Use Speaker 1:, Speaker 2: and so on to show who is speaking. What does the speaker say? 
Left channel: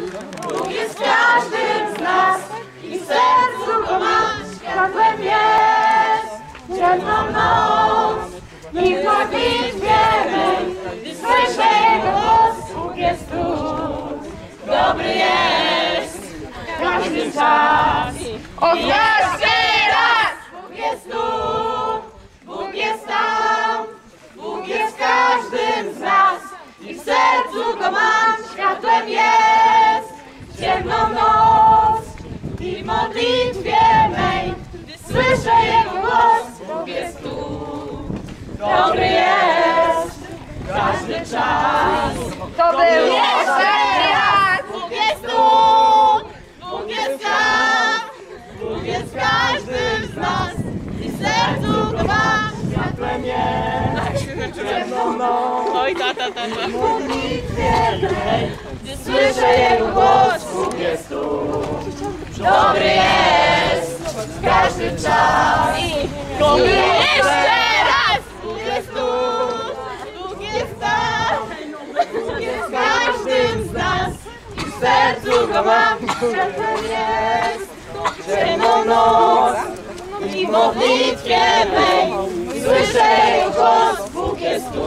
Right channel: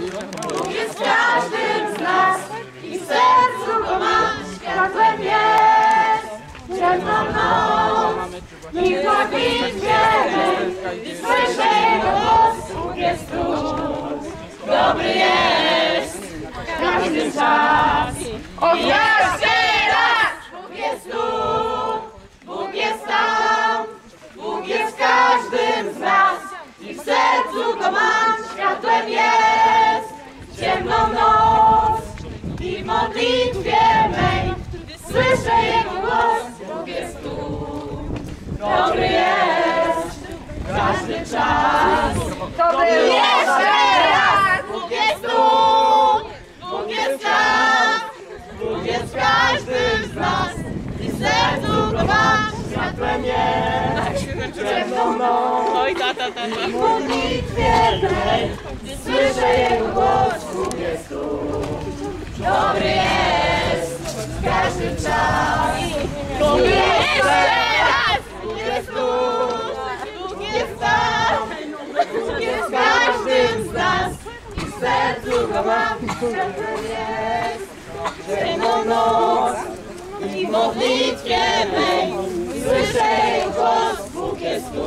Speaker 1: Bóg jest w każdym z nas i w sercu go mam, światłem jest ciemną noc. I w modlitwie mej, gdy słyszę Jego głos, Bóg jest tu, dobry jest każdy czas. Dobry jest każdy czas. To był jeszcze raz! Bóg jest tu, Bóg jest tam, Bóg jest w każdym z nas i sercu go mam, światłem jest ciemną noc.
Speaker 2: Oj, tata, tata.
Speaker 1: W modlitwie mej, gdy słyszę Jego głos, Bóg jest tu. Dobry jest każdy czas. Bóg jest jeszcze raz! Bóg jest tu, Bóg jest tam, Bóg jest w każdym z nas i w sercu go Światłem jest ciemną noc i w modlitwie mej słyszę głos, Bóg jest tu.